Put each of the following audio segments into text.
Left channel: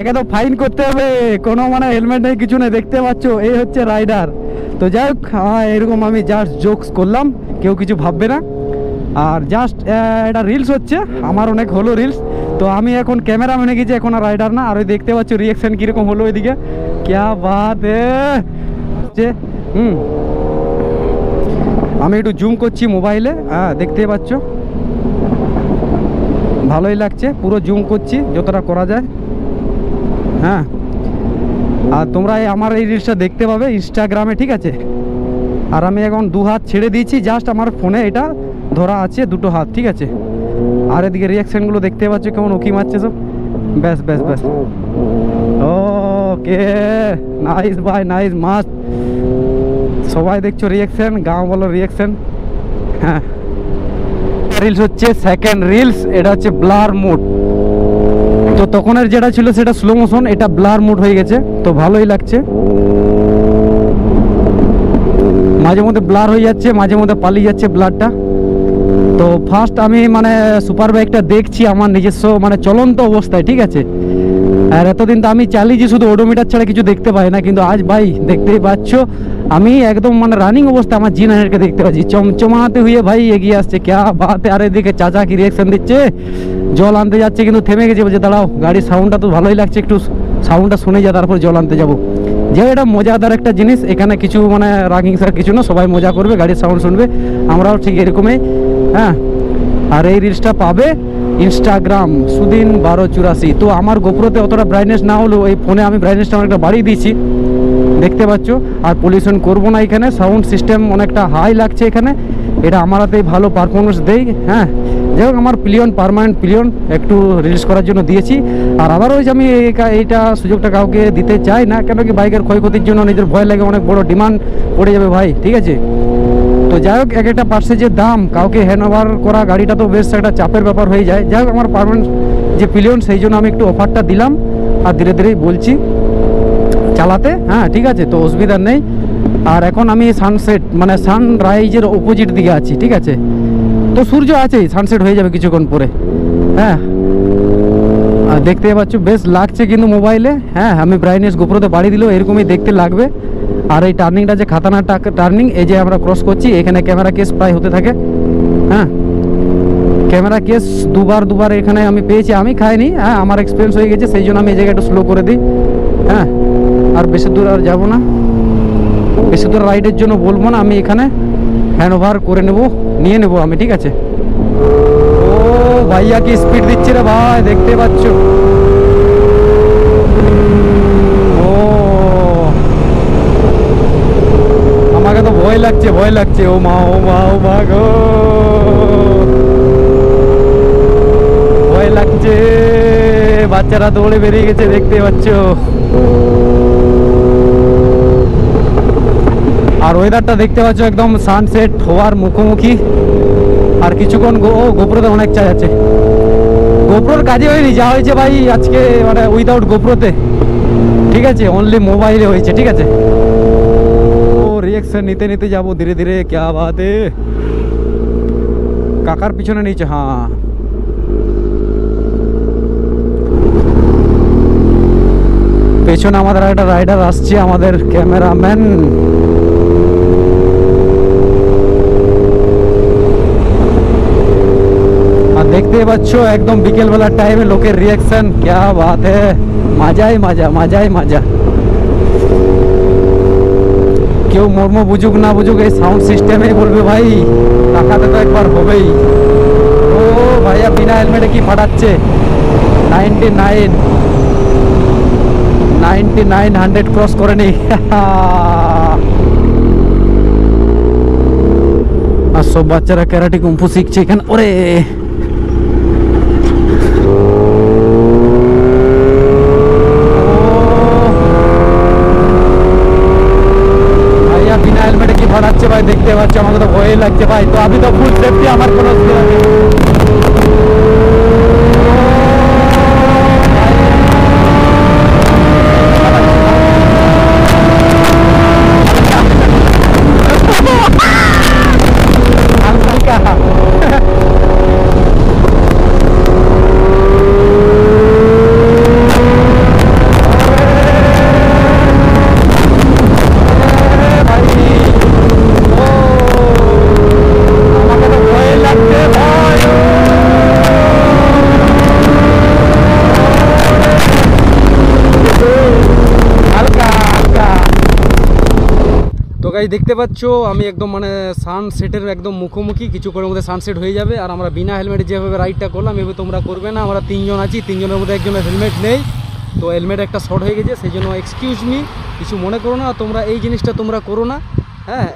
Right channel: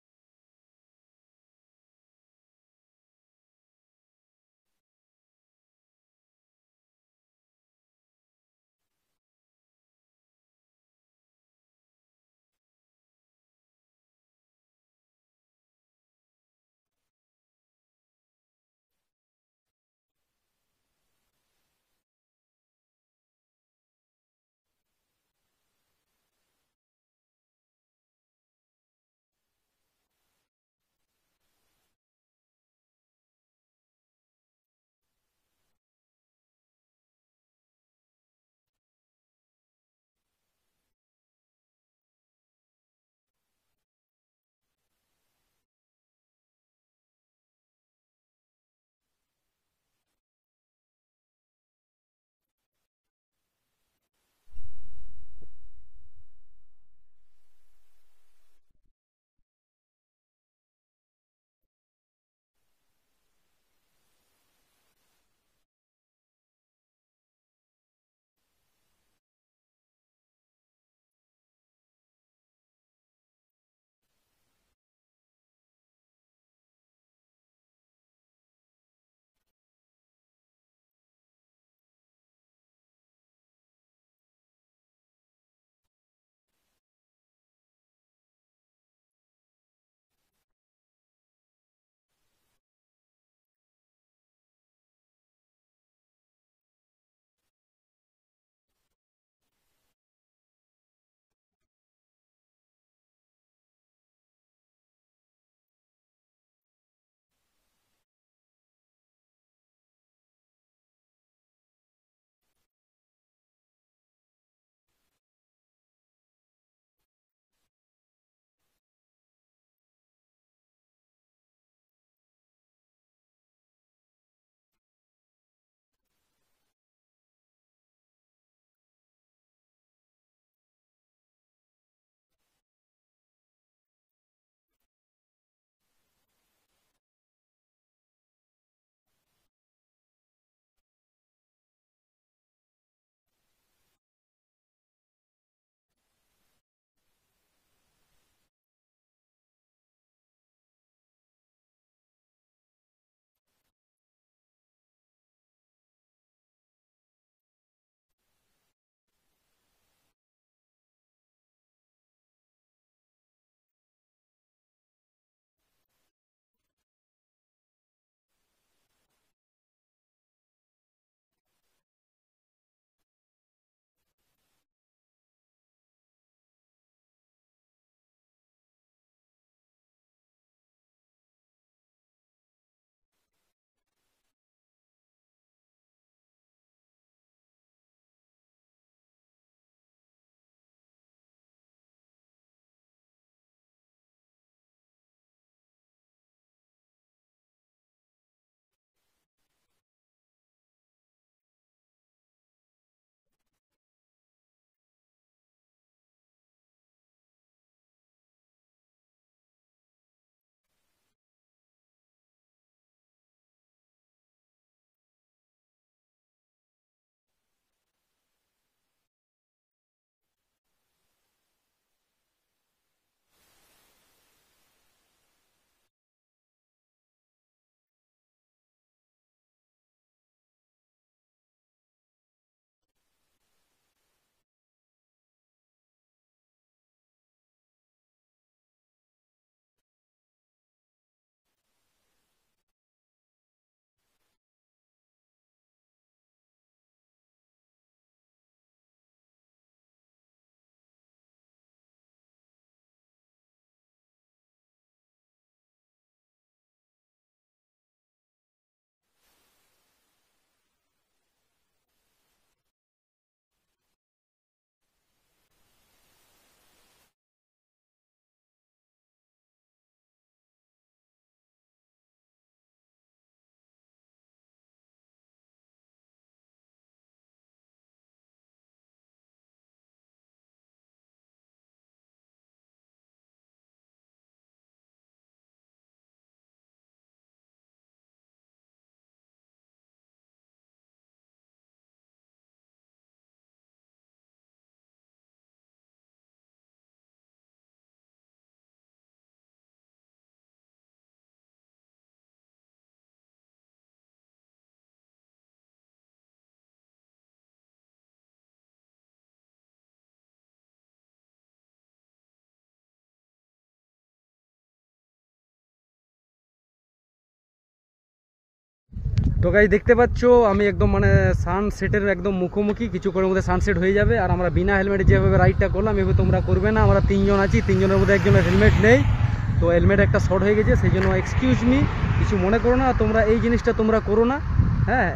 একে তো ফাইন করতে হবে, কোনো মানে হেলমেট নেই কিছু নেই, দেখতে পাচ্ছ এই হচ্ছে রাইডার। তো যাই হোক এরকম আমি জাস্ট জোকস করলাম, কেউ কিছু ভাববে না। আর জাস্ট এটা রিলস হচ্ছে, আমার অনেক হলো রিলস। তো আমি এখন ক্যামেরা মেনে গেছি, এখন আর রাইডার না। আর ওই দেখতে পাচ্ছ রিয়াকশন কীরকম হলো ওইদিকে, ক্যা বাত যে আমি একটু জুম করছি মোবাইলে, হ্যাঁ দেখতে পাচ্ছ ভালোই লাগছে, পুরো জুম করছি যতটা করা যায়। হ্যাঁ, আর তোমরা আমার এই রিলসটা দেখতে পাবে ইনস্টাগ্রামে, ঠিক আছে। আর আমি এখন দু হাত ছেড়ে দিয়েছি, জাস্ট আমার ফোনে এটা ধরা আছে দুটো হাত, ঠিক আছে। আর এদিকে রিয়াকশানগুলো দেখতে পাচ্ছ কেমন উকি মারছে সব, ব্যাস ব্যাস ব্যাস। ওকে, নাইস ভাই, নাইস, মাস্ট। সবাই দেখছো রিয়াকশান, গাঁও বলো রিয়াকশান। হ্যাঁ, রিলস হচ্ছে সেকেন্ড রিলস, এটা হচ্ছে ব্লার মোড। তো তখনের যেটা ছিল সেটা স্লো মোশন, এটা ব্লার মোড হয়ে গেছে, তো ভালোই লাগছে। মাঝে মধ্যে ব্লার হয়ে যাচ্ছে, মাঝে মধ্যে পালিয়ে যাচ্ছে ব্লারটা। তো ফার্স্ট আমি মানে সুপার বাইকটা দেখছি আমার নিজস্ব মানে চলন্ত অবস্থায়, ঠিক আছে। আর এতদিন তো আমি চালিয়েছি শুধু ওডোমিটার ছাড়া কিছু দেখতে পাই না, কিন্তু আজ ভাই দেখতেই পাচ্ছ আমি একদম মানে রানিং অবস্থা আমার G9কে দেখতে পাচ্ছি চমচমাতে হয়ে ভাই এগিয়ে আসছে, ক্যা বাত। আর এদিকে চাচা কি রিয়াকশন দিচ্ছে, জল আনতে যাচ্ছে কিন্তু থেমে গেছে, বলছে দাঁড়াও, গাড়ির সাউন্ডটা তো ভালোই লাগছে, একটু সাউন্ডটা শুনে যা তারপর জল আনতে যাবো। যে এটা মজাদার একটা জিনিস, এখানে কিছু মানে রাগিংসার কিছু না, সবাই মজা করবে, গাড়ির সাউন্ড শুনবে, আমরাও ঠিক এরকমই। হ্যাঁ, আর এই রিলসটা পাবে ইনস্টাগ্রাম সুদিন 1284। তো আমার গোপ্রোতে অতটা ব্রাইটনেস না হলেও এই ফোনে আমি ব্রাইটনেসটা অনেকটা বাড়িয়ে দিয়েছি, দেখতে পাচ্ছ। আর পলিউশন করবো না এখানে, সাউন্ড সিস্টেম অনেকটা হাই লাগছে এখানে, এটা আমার হাতেই ভালো পারফরমেন্স দেয়। হ্যাঁ, যাই হোক আমার প্লিয়ন পার্মানেন্ট প্লিয়ন একটু রিলিজ করার জন্য দিয়েছি। আর আদারওয়াইজ আমি এইটা সুযোগটা কাউকে দিতে চাই না, কেন কি বাইকের ক্ষয়ক্ষতির জন্য নিজের ভয় লাগে, অনেক বড় ডিমান্ড পড়ে যাবে ভাই, ঠিক আছে। তো যাই হোক এক একটা পার্সেজের দাম, কাউকে হ্যান্ডওভার করা গাড়িটা তো বেশ একটা চাপের ব্যাপার হয়ে যায়। যাই হোক আমার পার্মানেন্ট যে প্লিয়ন, সেই জন্য আমি একটু অফারটা দিলাম, আর ধীরে ধীরেই বলছি চালাতে। হ্যাঁ ঠিক আছে, তো অসুবিধা নেই। আর এখন আমি সানসেট মানে সানরাইজের অপোজিট দিকে আছি, ঠিক আছে। তো সূর্য আছেই, সানসেট হয়ে যাবে কিছুক্ষণ পরে। হ্যাঁ, আর দেখতে পাচ্ছ বেশ লাগছে কিন্তু মোবাইলে। হ্যাঁ, আমি ব্রাইটনেস গোপ্রোতে বাড়িয়ে দিলেও এরকমই দেখতে লাগবে। আর এই টার্নিংটা যে খাতানাটা টার্নিং, এই যে আমরা ক্রস করছি, এখানে ক্যামেরা কেস প্রায় হতে থাকে। হ্যাঁ, ক্যামেরা কেস দুবার এখানে আমি পেয়েছি, আমি খাইনি। হ্যাঁ, আমার এক্সপিরিয়েন্স হয়ে গেছে, সেই জন্য আমি এই জায়গায় একটু স্লো করে দিই। হ্যাঁ, আর বেশি দূর আর যাবো না, বেশি দূর রাইডের জন্য বলবো না, আমি এখানে হ্যান্ড ওভার করে নিয়ে নেবো আমি, ঠিক আছে। ও ভাইয়া কি স্পিড দিচ্ছে রে ভাই, দেখতে পাচ্ছ। ও আমাকে তো ভয় লাগছে, ভয় লাগছে। ও মা ও মা ও মা গো, ভয় লাগছে। বাচ্চারা দৌড়ে বেরিয়ে গেছে, দেখতে পাচ্ছ। আর ওয়েদারটা দেখতে পাচ্ছ একদম সানসেট হওয়ার মুখোমুখি। আর কিছুক্ষণ গোপ্রোতে অনেক চার্জ আছে, গোপ্রোর কাজে হয়নি, যা হয়েছে ভাই আজকে মানে উইদাউট গোপ্রোতে, ঠিক আছে, অনলি মোবাইলে হয়েছে, ঠিক আছে। ও রিয়াকশন নিতে নিতে যাবো ধীরে ধীরে, ক্যা বাত है। কাকার পিছনে নিচে, হ্যাঁ পেছনে আমাদের একটা রাইডার আসছে, আমাদের ক্যামেরাম্যান। আর দেখতে পাচ্ছ একদম বিকেল বেলার টাইমে লোকের রিয়াকশন, ক্যা বাত है, মজাই মজা, মজাই মজা। কেউ মর্ম বুঝুক না বুঝুক, এই সাউন্ড সিস্টেমে বলবে ভাই টাকাতে তো একবার হবেই। ও ভাইয়া বিনা হেলমেটে কি ফাটাচ্ছে, 99 100 ক্রস করেনি। আর সব বাচ্চারা ক্যারাটে কুম্ফু শিখছে এখানে। ওরে ভাইয়া বিনা হেলমেটে কি ফাটাচ্ছে ভাই, দেখতে পাচ্ছ, আমাকে তো ভয় লাগছে ভাই। তো আমি তো ফুল সেফটি, আমার কোনো অসুবিধা নেই। গাইস দেখতে পাচ্ছ আমি একদম মানে সানসেটের একদম মুখোমুখি, কিছু করে মধ্যে সানসেট হয়ে যাবে। আর আমরা বিনা হেলমেটে যেভাবে রাইডটা করলাম এভাবে তোমরা করবে না। আমরা 3 জন আছি, 3 জনের মধ্যে একজনের হেলমেট নেই, তো হেলমেট একটা শর্ট হয়ে গেছে, সেই জন্য এক্সকিউজ মি, কিছু মনে করো না। তোমরা এই জিনিসটা তোমরা করো না। হ্যাঁ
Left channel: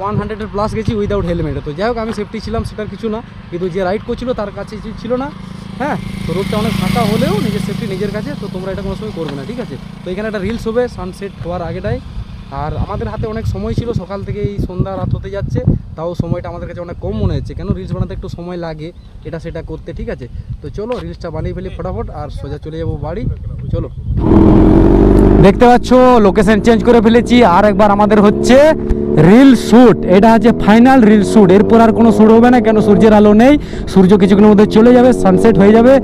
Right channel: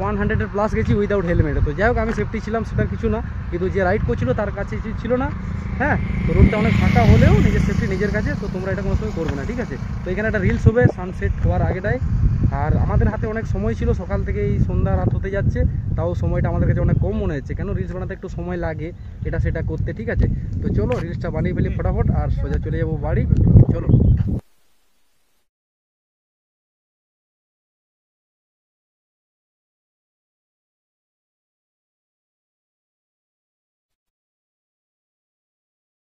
100-এর প্লাস গেছি উইদাউট হেলমেটে। তো যাই হোক আমি সেফটি ছিলাম সেটার কিছু না, কিন্তু যে রাইড করছিল তার কাছে ছিল না। হ্যাঁ তো রোডটা অনেক ফাঁকা হলেও নিজের সেফটি নিজের কাছে, তো তোমরা এটা কোনো সময় করবে না, ঠিক আছে। তো এখানে একটা রিলস হবে সানসেট হওয়ার আগেটাই। আর আমাদের হাতে অনেক সময় ছিল, সকাল থেকে এই সন্ধ্যা রাত হতে যাচ্ছে, তাও সময়টা আমাদের কাছে অনেক কম মনে হচ্ছে। কেন রিলস বানাতে একটু সময় লাগে এটা সেটা করতে, ঠিক আছে। তো চলো রিলসটা বানিয়ে ফেলি ফটাফট, আর সোজা চলে যাবো বাড়ি। চলো, দেখতে পাচ্ছ লোকেশন চেঞ্জ করে ফেলেছি। আর একবার আমাদের হচ্ছে রিল শ্যুট, এটা হচ্ছে ফাইনাল রিল শ্যুট। এরপর আর কোনো শ্যুট হবে না, কেন সূর্যের আলো নেই, সূর্য কিছুক্ষণের মধ্যে চলে যাবে, সানসেট হয়ে যাবে।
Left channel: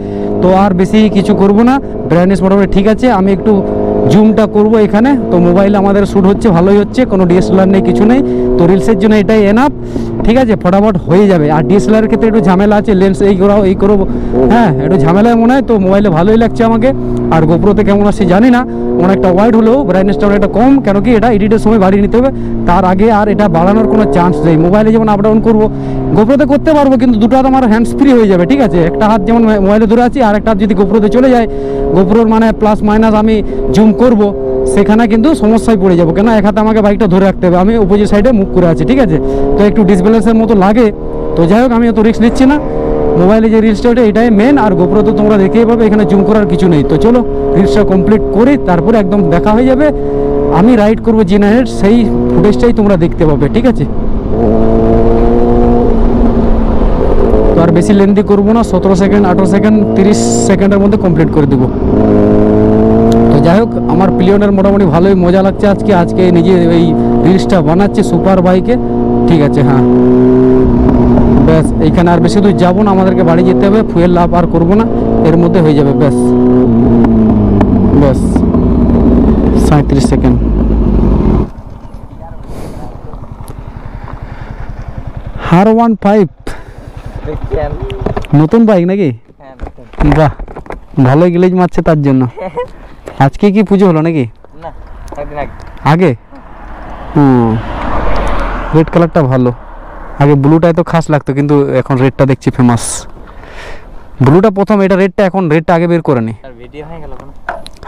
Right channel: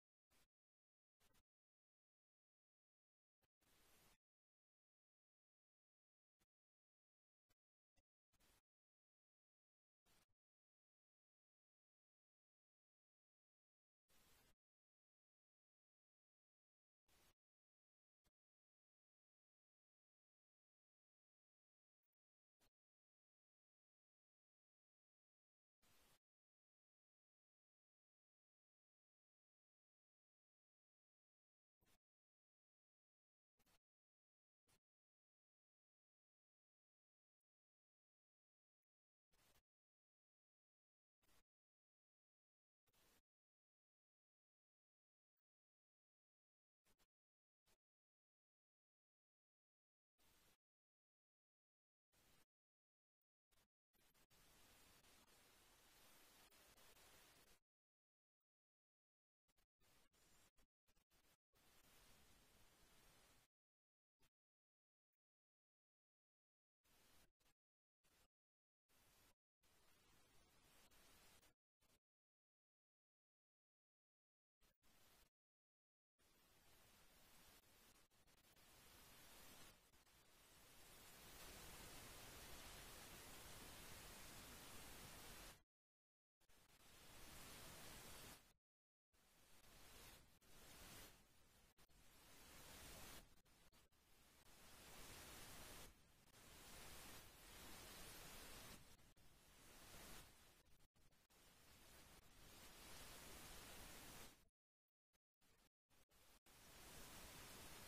তো আর বেশি কিছু করব না, ব্রাইটনেস মোটামুটি ঠিক আছে। আমি একটু জুমটা করব এখানে, তো মোবাইলে আমাদের শ্যুট হচ্ছে, ভালোই হচ্ছে, কোনো ডিএসএলআর নেই, কিছু নেই। তো রিলসের জন্য এটাই এনাফ, ঠিক আছে, ফটাফট হয়ে যাবে। আর ডিএসএলআর ক্ষেত্রে একটু ঝামেলা আছে, লেন্স এই করাও এই করো, হ্যাঁ একটু ঝামেলায় মনে হয়। তো মোবাইলে ভালোই লাগছে আমাকে, আর গোপ্রোতে কেমন আসছে জানি না, অনেকটা ওয়াইড হলেও ব্রাইটনেসটা অনেকটা কম, কেন কি এটা এডিটের সময় বাড়িয়ে নিতে হবে, তার আগে আর এটা বাড়ানোর কোনো চান্স নেই। মোবাইলে যেমন আপ ডাউন করবো, গোপ্রোতে করতে পারবো, কিন্তু দুটো হাত আমার হ্যান্ডস ফ্রি হয়ে যাবে, ঠিক আছে। একটা হাত যেমন মোবাইলে ধরে আছি, আর একটা হাত যদি গোপ্রোতে চলে যায়, গোপ্রোর মানে প্লাস মাইনাস আমি জুম করব, সেখানে কিন্তু সমস্যায় পড়ে যাবো। কেন এক হাতে আমাকে বাইকটা ধরে রাখতে হবে, আমি অপোজিট সাইডে মুভ করে আছি, ঠিক আছে। তো একটু ডিসব্যালেন্সের মতো লাগে। তো যাই হোক আমি অত রিস্ক নিচ্ছি না, মোবাইলে যে রিলসটা ওটা এটাই মেন, আর গোপ্রো তো তোমরা দেখেই পাবে, এখানে জুম করার কিছু নেই। তো চলো রিলসটা কমপ্লিট করি, তারপরে একদম দেখা হয়ে যাবে। আমি রাইড করবো G9, সেই ফুটেজটাই তোমরা দেখতে পাবে, ঠিক আছে। তো আর বেশি লেন্দি করবো না, 17 সেকেন্ড 18 সেকেন্ড 30 সেকেন্ডের মধ্যে কমপ্লিট করে দেবো। তো যাই হোক আমার পিলিয়নের মোটামুটি ভালোই মজা লাগছে আজকে নিজে এই রিলসটা বানাচ্ছে সুপার বাইকে, ঠিক আছে। হ্যাঁ ব্যাস, এইখানে আর বেশি দূর যাবো না, আমাদেরকে বাড়ি যেতে হবে, ফুয়েল লাভ আর করবো না, এর মধ্যে হয়ে যাবে। ব্যাস ব্যাস 37 সেকেন্ড। R15 নতুন বাইক নাকি? বাহ, ভালোই গ্লেজ মারছে তার জন্য। আজকে কি পুজো হলো নাকি? আগে রেড কালারটা ভালো, আগে ব্লুটাই তো খাস লাগতো, কিন্তু এখন রেডটা দেখছি ফেমাস। ব্লুটা প্রথম, এটা রেডটা, এখন রেডটা আগে বের করে নি।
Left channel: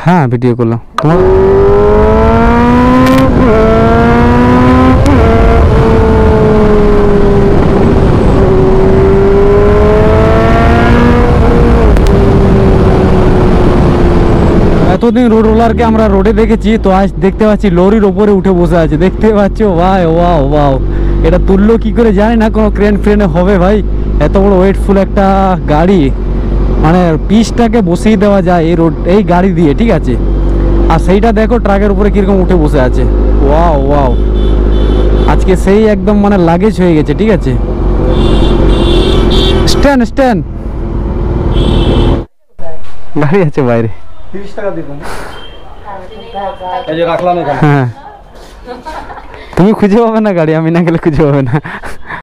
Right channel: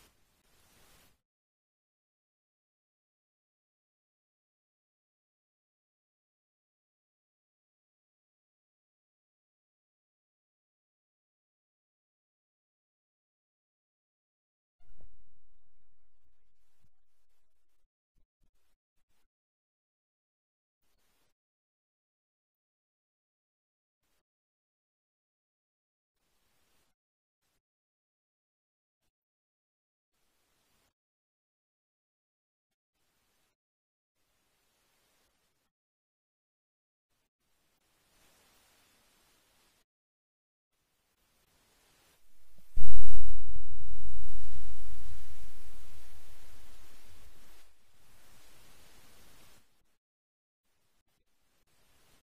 হ্যাঁ ভিডিও করলাম তোমার। এতদিন রোড রোলারকে আমরা রোডে দেখেছি, তো আজ দেখতে পাচ্ছি লরির ওপরে উঠে বসে আছে, দেখতে পাচ্ছ ভাই। ওয়াও ওয়াও, এটা তুললো কি করে জানি না, কোনো ক্রেন ফ্রেনে হবে ভাই, এত বড় ওয়েটফুল একটা গাড়ি, মানে পিচটাকে বসিয়ে দেওয়া যায় এই রোড এই গাড়ি দিয়ে, ঠিক আছে। আর সেইটা দেখো ট্রাকের উপরে কিরকম উঠে বসে আছে। ওয়াও ওয়াও, আজকে সেই একদম মানে লাগেজ হয়ে গেছে, ঠিক আছে। স্ট্যান্ড স্ট্যান্ড, গাড়ি আছে বাইরে, 30 টাকা দিবেন, এই যে রাখলাম এখানে। হ্যাঁ তুমি খুঁজে পাবে না গাড়ি, আমি না গেলে খুঁজে পাবে না।